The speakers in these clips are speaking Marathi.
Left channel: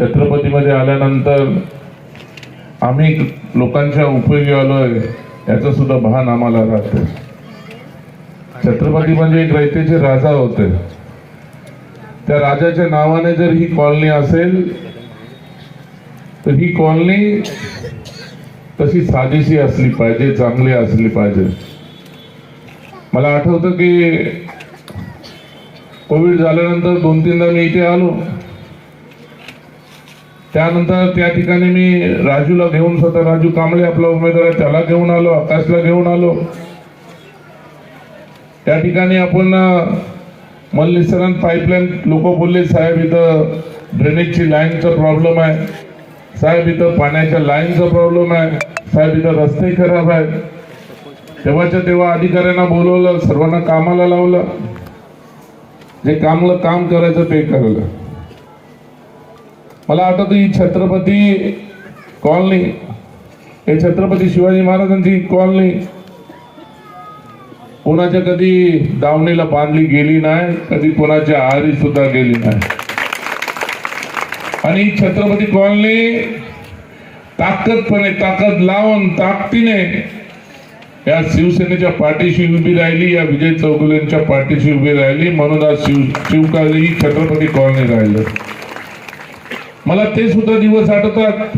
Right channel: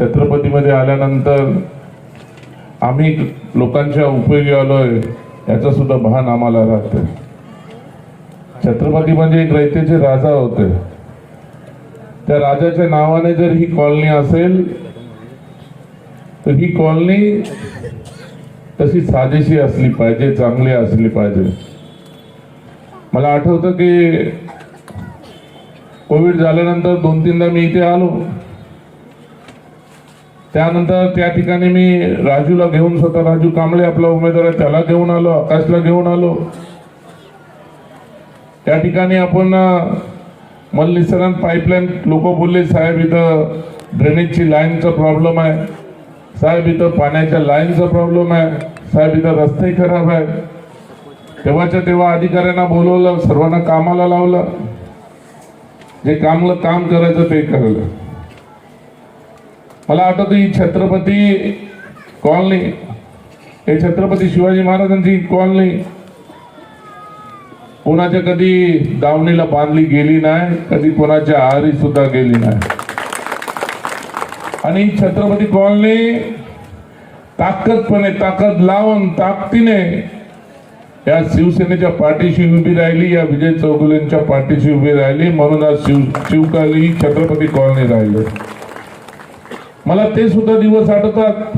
छत्रपतीमध्ये आल्यानंतर आम्ही लोकांच्या उपयोगी आलोय याचं सुद्धा भान आम्हाला राहतं. छत्रपती म्हणजे एक रयतेचे राजा होते. त्या राजाच्या नावाने जर ही कॉलनी असेल तर ही कॉलनी तशी साजेशी असली पाहिजे, चांगली असली पाहिजे. मला आठवतं की कोविड झाल्यानंतर 2-3दा मी इथे आलो. त्यानंतर त्या ठिकाणी मी राजूला घेऊन, स्वतः राजू कांबळे आपला उमेदवार आहे त्याला घेऊन आलो, आकाशला घेऊन आलो. त्या ठिकाणी आपण मल्लीसरांत पाईपलाईन, लोक बोलले साहेब इथं ड्रेनेजची लाईनचा प्रॉब्लेम आहे, साहेब इथं पाण्याच्या लाईनचा प्रॉब्लेम आहे, साहेब इथं रस्ते खराब आहे. तेव्हाच्या तेव्हा अधिकाऱ्यांना बोलवलं, सर्वांना कामाला लावलं, जे काम करायचं ते करायला. मला आठवतं ही छत्रपती कॉलनी, हे छत्रपती शिवाजी महाराजांची कॉलनी कोणाच्या कधी दावणीला बांधली गेली नाही, कधी कोणाच्या आहारी सुद्धा गेली नाही. आणि ही छत्रपती कॉलनी ताकद लावून ताकदीने या शिवसेनेच्या पाठीशी उभी राहिली, या विजय चौगुलेंच्या पाठीशी उभी राहिली. म्हणून आज शिवकाली ही छत्रपती कॉलनी राहिली. मला ते सुद्धा दिवस आठवतात.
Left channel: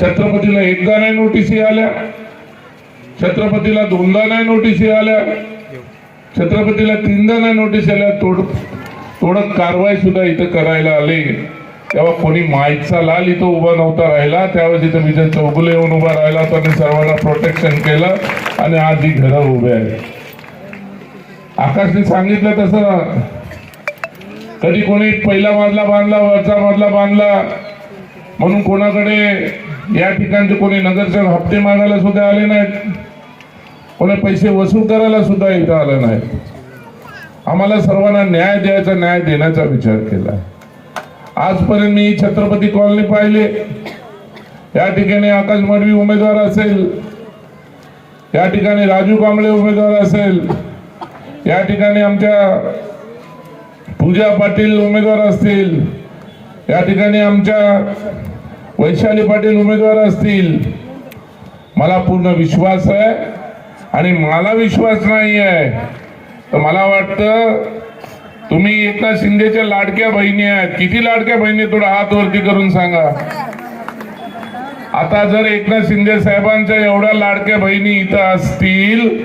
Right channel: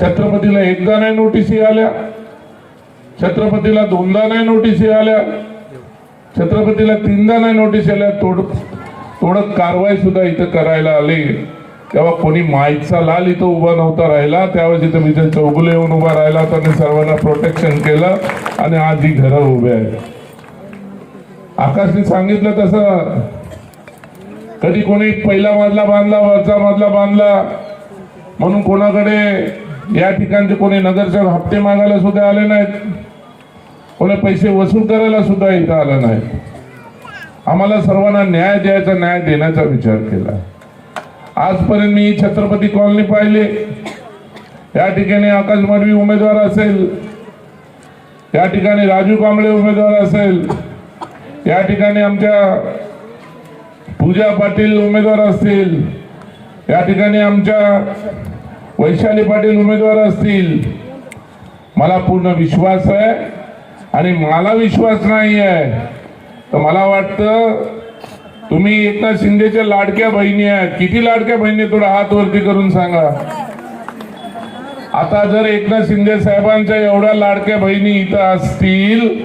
छत्रपतीला एकदा नाही नोटीसी आल्या, छत्रपतीला 2दा नाही नोटीसी आल्या, छत्रपतीला 3दा नाही नोटीस आल्या. थोडं कारवाई सुद्धा इथं करायला आली. तेव्हा कोणी माईचा लाल इथं उभा नव्हता राहिला. त्यावेळेस इथं विजय चौगुले येऊन उभा राहिला, त्यांनी सर्वांना प्रोटेक्शन केलं आणि आज ही घरं उभे आहेत. आकाशने सांगितलं तसं कधी कोणी पहिला मजला बांधला, वरचा मजला बांधला म्हणून कोणाकडे या ठिकाणचे कोणी नगरसेवक हप्ते मागायला सुद्धा आले नाहीत, कोणी पैसे वसूल करायला सुद्धा इथं आलं नाही. आम्हाला सर्वांना न्याय द्यायचा, न्याय देण्याचा विचार केला. आजपर्यंत मी छत्रपती कॉलनी पाहिले. या ठिकाणी आकाश मडवी उमेदवार असेल, या ठिकाणी राजू कांबळे उमेदवार असेल, या ठिकाणी आमच्या पूजा पाटील उमेदवार असतील, या ठिकाणी आमच्या वैशाली पाटील उमेदवार असतील. मला पूर्ण विश्वास आहे आणि मला विश्वास नाही आहे तर मला वाटतं तुम्ही एकनाथ शिंदेच्या लाडक्या बहिणी आहेत. किती लाडक्या बहिणी, थोडा हात वरती करून सांगा. आता जर एकनाथ शिंदे साहेबांच्या एवढ्या लाडक्या बहिणी इथं असतील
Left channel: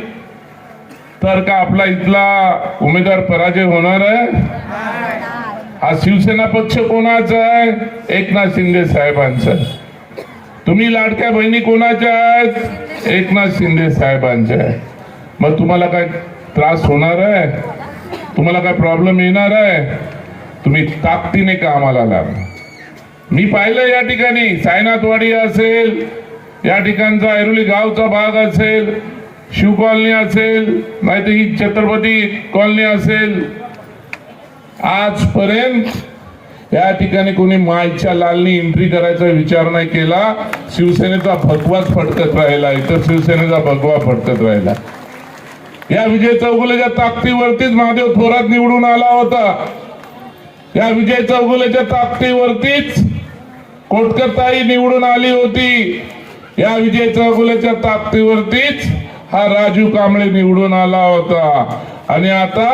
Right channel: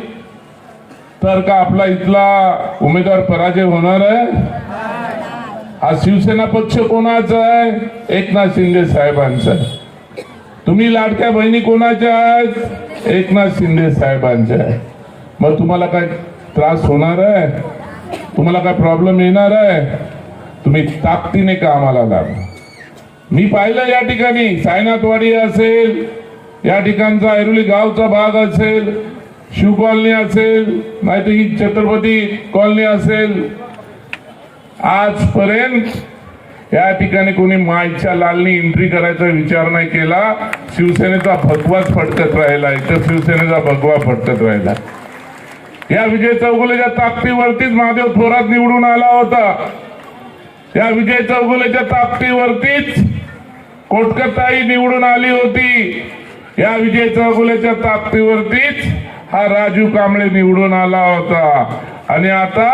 तर का आपला इथला उमेदवार पराजय होणार आहे? हा शिवसेना पक्ष कोणाचा आहे? एकनाथ शिंदे साहेबांचा. तुम्ही लाडक्या बहिणी कोणाच्या आहेत? एकनाथ शिंदे साहेबांच्या. मग तुम्हाला काय त्रास होणार आहे? तुम्हाला काय प्रॉब्लेम येणार आहे? तुम्ही ताकदीने कामाला लागा. मी पाहिलं या ठिकाणी सायनाथवाडी असेल, या ठिकाणचा ऐरोली गावचा भाग असेल, शिव कॉलनी असेल, नाहीतर ही छत्रपती कॉलनी असेल, आजपर्यंत या ठिकाणी कोणी माईच्या लालनी एंट्री करायचा विचार नाही केला. शिवसेनेचा भगवाच फडकत राहिला, इतर शिवसेनेचा भगवा फडकत राहिला. या विजय चौगुलेच्या ताकदीवरतीच महादेव थोरात निवडून आला होता. या विजय चौगुलेच्या ताकदीवरतीच कोटकरताई निवडून आली होती. या विजय चौगुलेच्या ताकदीवरतीच हा राजू कांबळे निवडून आला होता. आणि आता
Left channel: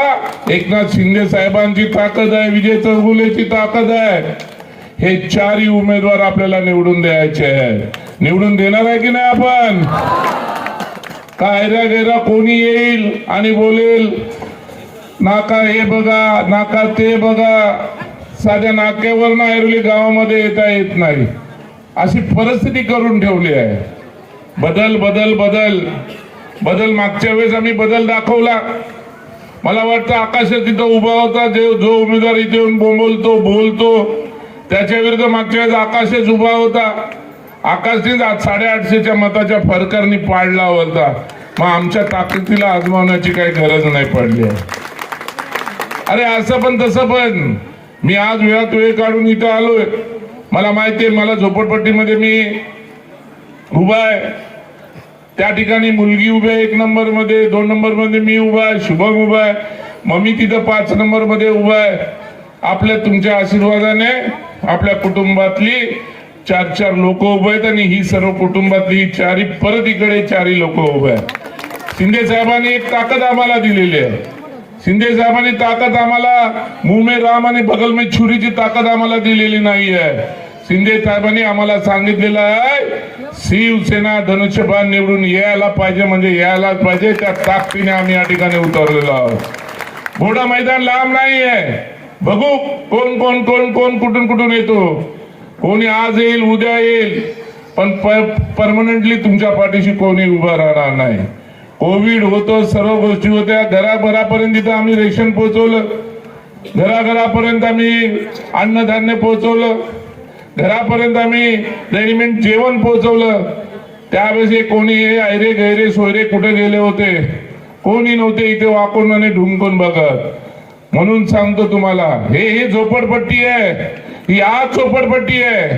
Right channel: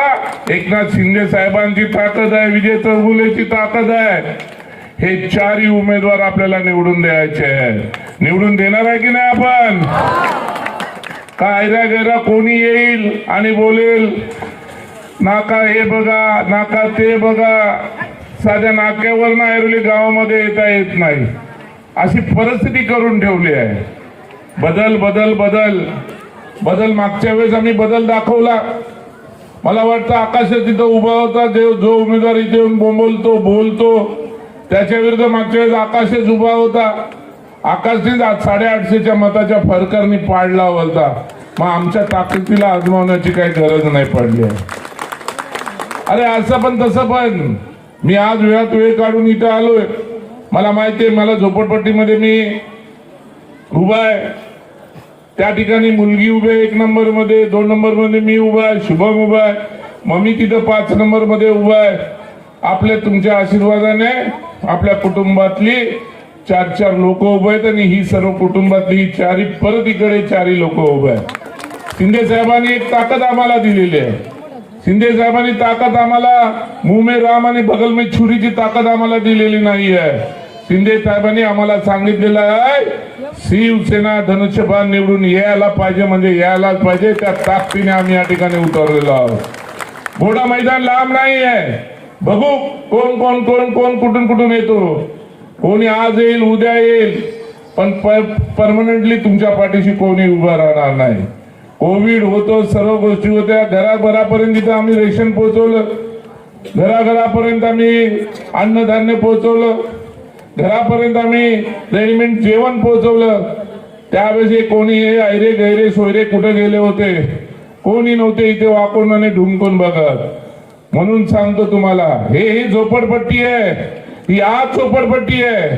एकनाथ शिंदे साहेबांची ताकद आहे, विजय चौगुलेची ताकद आहे. हे चारही उमेदवार आपल्याला निवडून द्यायचे आहेत. निवडून देणार आहे की नाही आपण? काय गैरा कोणी येईल आणि बोलेल नाका हे बघा, नाका ते बघा, साध्या नाक्यावर ऐरोली गावामध्ये येता येत नाही, अशी परिस्थिती करून ठेवली आहे. बदल बदल बदल बदल मागच्या वेळेस आम्ही बदल दाखवला. मला वाटतं आकाश तिथं उभा होता, जो उमेदवार इथे येऊन बोलतो त्याच्या विरुद्ध मागच्या वेळेस आकाशच उभा होता. आकाशने 850च्या मताच्या फरकाने पाडला होता. मग आमच्या ताकदीला आजमावण्याची काही गरज नाही पडली. अरे असं पण तसं पण मी आज वेळात वेळ काढून इथं आलोय. मला माहिती आहे, मला झोपडपट्टीमध्ये मी उभा आहे, त्या ठिकाणी मुलगी उभी आहे 1 नंबर मध्ये, 2 नंबर मध्ये मी उभा आहे, शुभम उभा आहे, मग मी तिथं 5 नंबर मध्ये उभा आहे. आपल्या तुमच्या आशीर्वादाने आपल्या कुटुंबातली 4 लोक उभे आहेत आणि ही सर्व कुटुंबातली चारी परत इकडे 4 लोक उभे आहेत. शिंदे साहेबांनी एक ताकद आम्हाला दिलेली आहे. शिंदे साहेबांनी ताकद आम्हाला मुंह में राम आणि बगल में छुरीची ताकद आम्हाला दिलेली नाही आहे. शिंदे साहेबांनी आम्हाला सांगितलेलं आहे शिवसेना धनुष्यबाण निवडून यायला पाहिजे म्हणजे यायलाच पाहिजे. त्या ताकदीने आम्ही या ठिकाणी उतरलेलो आहोत. मोठं मैदान लांब नाही आहे. बघू कोण कोण कोण कोण कुठून कुठून येतो. कोणी आज येईल उद्या येईल पण परमनंटली तुमच्या पाठीशी कोणी उभं राहणार नाही. कोविड होतो सर्व गोष्टी होत्या. घराघरापर्यंत इथं आम्ही रेशन पोहोचवलं. घराघरापर्यंत आम्ही अन्नधान्य पोहोचवलं. घरापर्यंत आम्ही रेडीमेड जेवण पोहोचवलं. त्यावेळेस कोणी ऐरे गैरे सोयरे कुठे गेले होते कोणी नव्हते इथे वाकून आणि ढुंकून बघत. म्हणून सांगतो तुम्हाला हे झोपडपट्टी आहे. ही आज झोपडपट्टी आहे.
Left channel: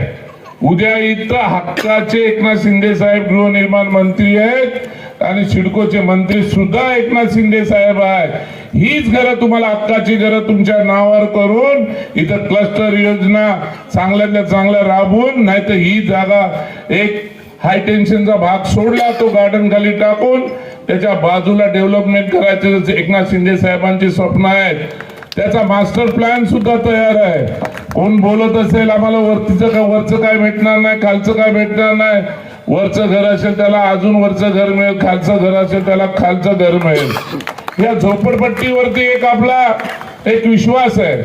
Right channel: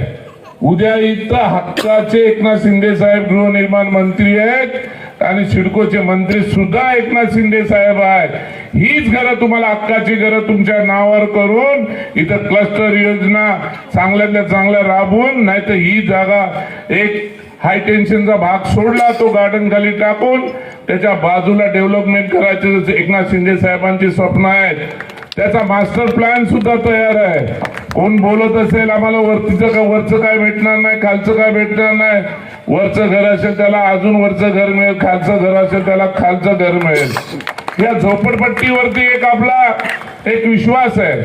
उद्या इथं हक्काचे एकनाथ शिंदे साहेब गृहनिर्माण मंत्री आहेत आणि सिडकोचे मंत्री सुद्धा एकनाथ शिंदे साहेब आहेत. हीच घरं तुम्हाला हक्काची घरं तुमच्या नावावर करून इथं क्लस्टर योजना चांगल्यातल्या चांगल्या राबवून नाही तर ही जागा एक हाय टेन्शनचा भाग सोडला तो गार्डन खाली टाकून त्याच्या बाजूला डेव्हलपमेंट करायचं एकनाथ शिंदे साहेबांची स्वप्न आहेत. त्याचा मास्टर प्लॅन सुद्धा तयार आहे. कोण बोलत असेल आम्हाला वरचं काय भेटणार नाही खालचं काय भेटणार नाही. वरचं घर असेल त्याला अजून वरचं घर मिळेल. खालचं घर असेल त्याला खालचं घर मिळेल. या झोपडपट्टीवरती आपला एक विश्वास आहे.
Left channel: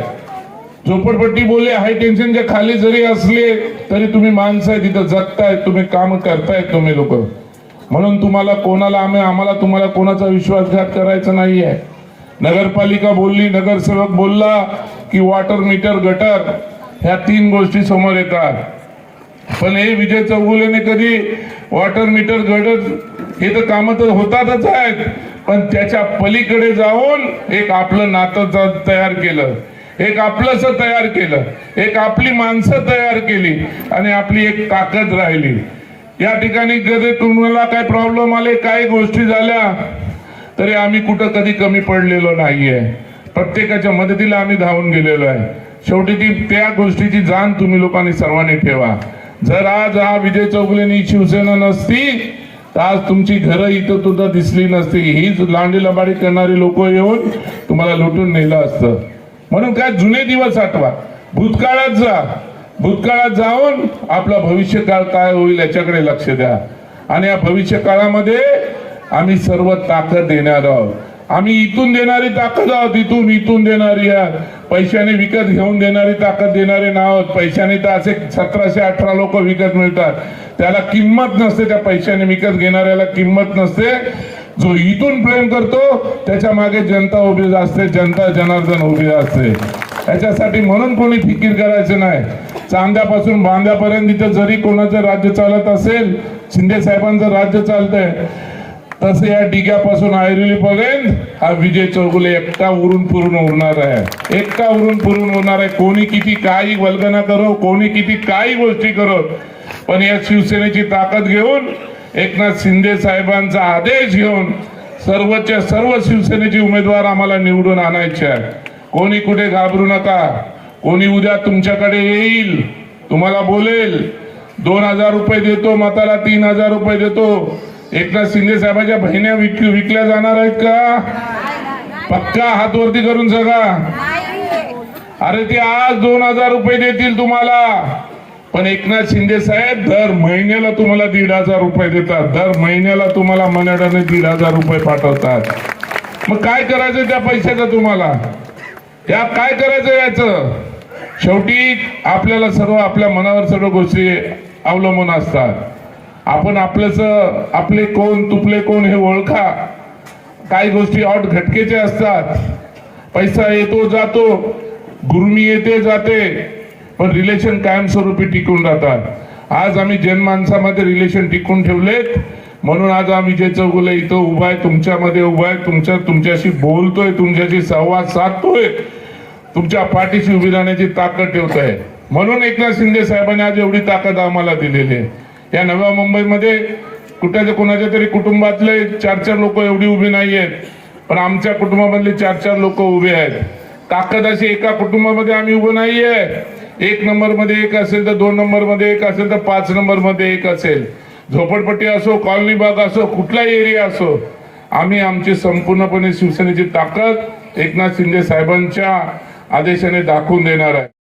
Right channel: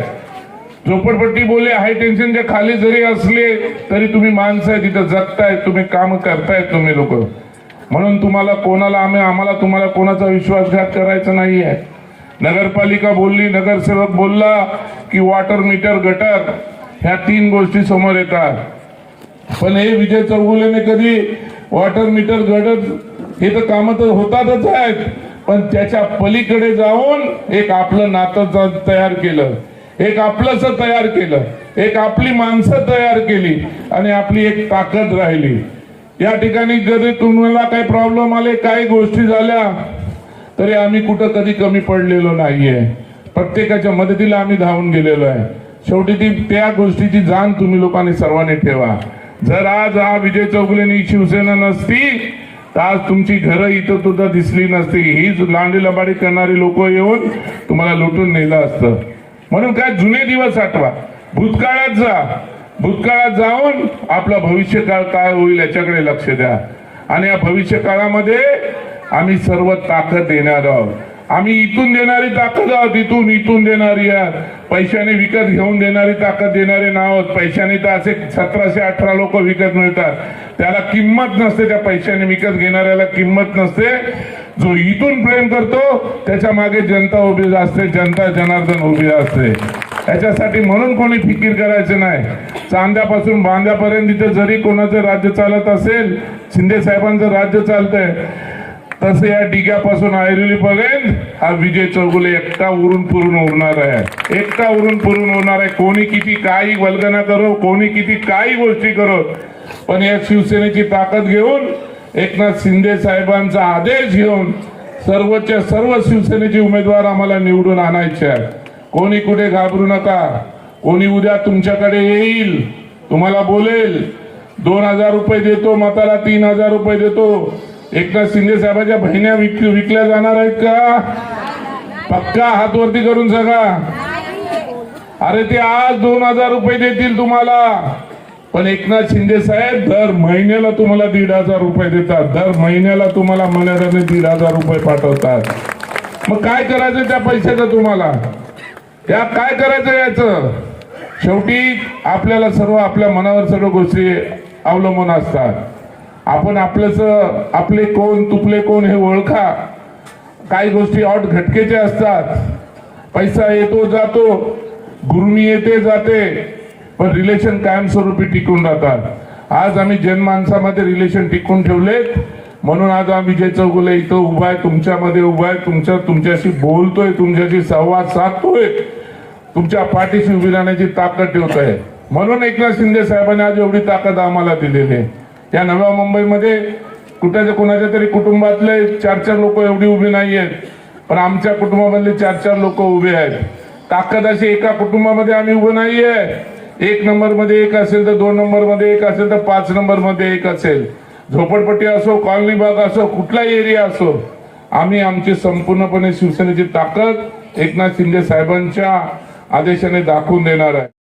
झोपडपट्टी बोलले हाय टेन्शनच्या खाली जरी असले तरी तुम्ही माणसं आहे तिथं जगताय तुम्ही काम करतायत तुम्ही लोक. म्हणून तुम्हाला आम्हाला तुम्हाला कोणाचा विश्वासघात करायचा नाहीये. नगरपालिका बोलली नगरसेवक बोलला की वॉटर मीटर गटर ह्या 3 गोष्टी समोर येतात. पण हे विजय चौगुलेने कधी वॉटर मीटर गटर हे तर काम तर होतातच आहेत पण त्याच्या पलीकडे जाऊन एक आपलं नातं तयार केलं. एक आपलंस तयार केलं. एक आपली माणसं तयार केली आणि आपली एक ताकद राहिली. या ठिकाणी कधी तुम्हाला काही प्रॉब्लेम आले काही गोष्टी झाल्या तरी आम्ही कुठं कधी कमी पडलेलो नाहीये. प्रत्येकाच्या मदतीला आम्ही धावून गेलेलो आहे. शेवटी त्या गोष्टीची जाण तुम्ही लोकांनी सर्वांनी ठेवा. जर आज हा विजय चौगुलेंनी शिवसेना नसती तर आज तुमची घरं इथं सुद्धा दिसली नसती. हीच लांडी लबाडी करणारी लोक येऊन तुम्हाला लुटून नेलं असतं. म्हणून काय जुने दिवस आठवा. भूतकाळात जा. भूतकाळात जाऊन आपला भविष्यकाळ काय होईल याच्याकडे लक्ष द्या. आणि या भविष्य काळामध्ये आम्ही सर्व ताकद देणार आहोत. आम्ही इथून देणारी ताकद आहोत. इथून देणारी पैशाने विकत घेऊन देणारी ताकद देणारे नाव. पैशाने तर असे 1718 लोक विकत मिळतात त्याला किंमत नसते. त्या पैशाने विकत घेणाऱ्याला किंमत नसते. जो इथून प्रेम करतो त्याच्या मागे जनता उभी असते. जनता जनार्दन उभी असते. याच्यासाठी म्हणून कोणी फिकीर करायचे नाही. चांद्यापासून बांद्यापर्यंत इथे जरी कोणाचं राज्य चालत असेल शिंदे साहेबांचं राज्य चालतंय तसं या डिग्यापासून ऐरोलीपर्यंत हा विजय चौगुले एकटा उरून पूर्ण होणार आहे. एकटा उरून पूर्ण होणार आहे. कोणी किती काही वल्गना करो कोणी किती काही गोष्टी करो पण या शिवसेनेची ताकद घेऊन एकनाथ शिंदे साहेबांचा आदेश घेऊन सर्वच्या सर्व शिवसेनेचे उमेदवार आम्हाला निवडून आणायचे आहे. कोणी कुठे घाबरू नका. कोणी उद्या तुमच्याकडे येईल तुम्हाला बोलेल 2000 रुपये देतो मताला 3000 रुपये देतो. एकनाथ शिंदे साहेबांच्या बहिण्या विकल्या जाणार आहेत का? पक्का हात वरती करून सांगा. अरे ते आज 2000 रुपये देतील तुम्हाला पण एकनाथ शिंदे साहेब दर महिन्याला तुम्हाला 1500 रुपये देतात. दर महिन्याला तुम्हाला मनाने 1500 रुपये पाठवतात. मग काय करायचं त्या पैशाचं तुम्हाला? या काय करायचं याचं? शेवटी आपल्याला सर्व आपल्या मनावर सर्व गोष्टी अवलंबून असतात. आपण आपले कोण तुपले कोण हे ओळखा. काही गोष्टी ऑट घटकेचे असतात. पैसा येतो जातो गुरमी येते जाते पण रिलेशन कायमस्वरूपी टिकून राहतात. आज आम्ही जनमानसामध्ये रिलेशन टिकून ठेवलेत म्हणून आज आम्ही विजय चौगुले इथं उभा आहे तुमच्यामध्ये उभा आहे. तुमच्याशी बोलतोय तुमच्याशी संवाद साधतोय तुमच्या पाठीशी उभी राहण्याची ताकद ठेवतोय. म्हणून एकनाथ शिंदे साहेबांनी आज एवढी ताकद आम्हाला दिलेली आहे. या नव्या मुंबईमध्ये कोणाच्या तरी कुटुंबातले 4 लोक एवढी उभी नाही आहेत पण आमच्या कुटुंबामधले 4 लोक उभे आहेत. ताकद अशी एका कुटुंबामध्ये आम्ही उभं नाहीये. 1 नंबर मध्ये एक असेल तर 2 नंबर मध्ये एक असेल तर 5 नंबर मध्ये एक असेल. झोपडपट्टी असो, कॉलनी भाग असो, कुठलाही एरिया असो, आम्ही आमची संपूर्णपणे शिवसेनेची ताकद एकनाथ शिंदे साहेबांच्या आदेशाने दाखवून देणार आहे.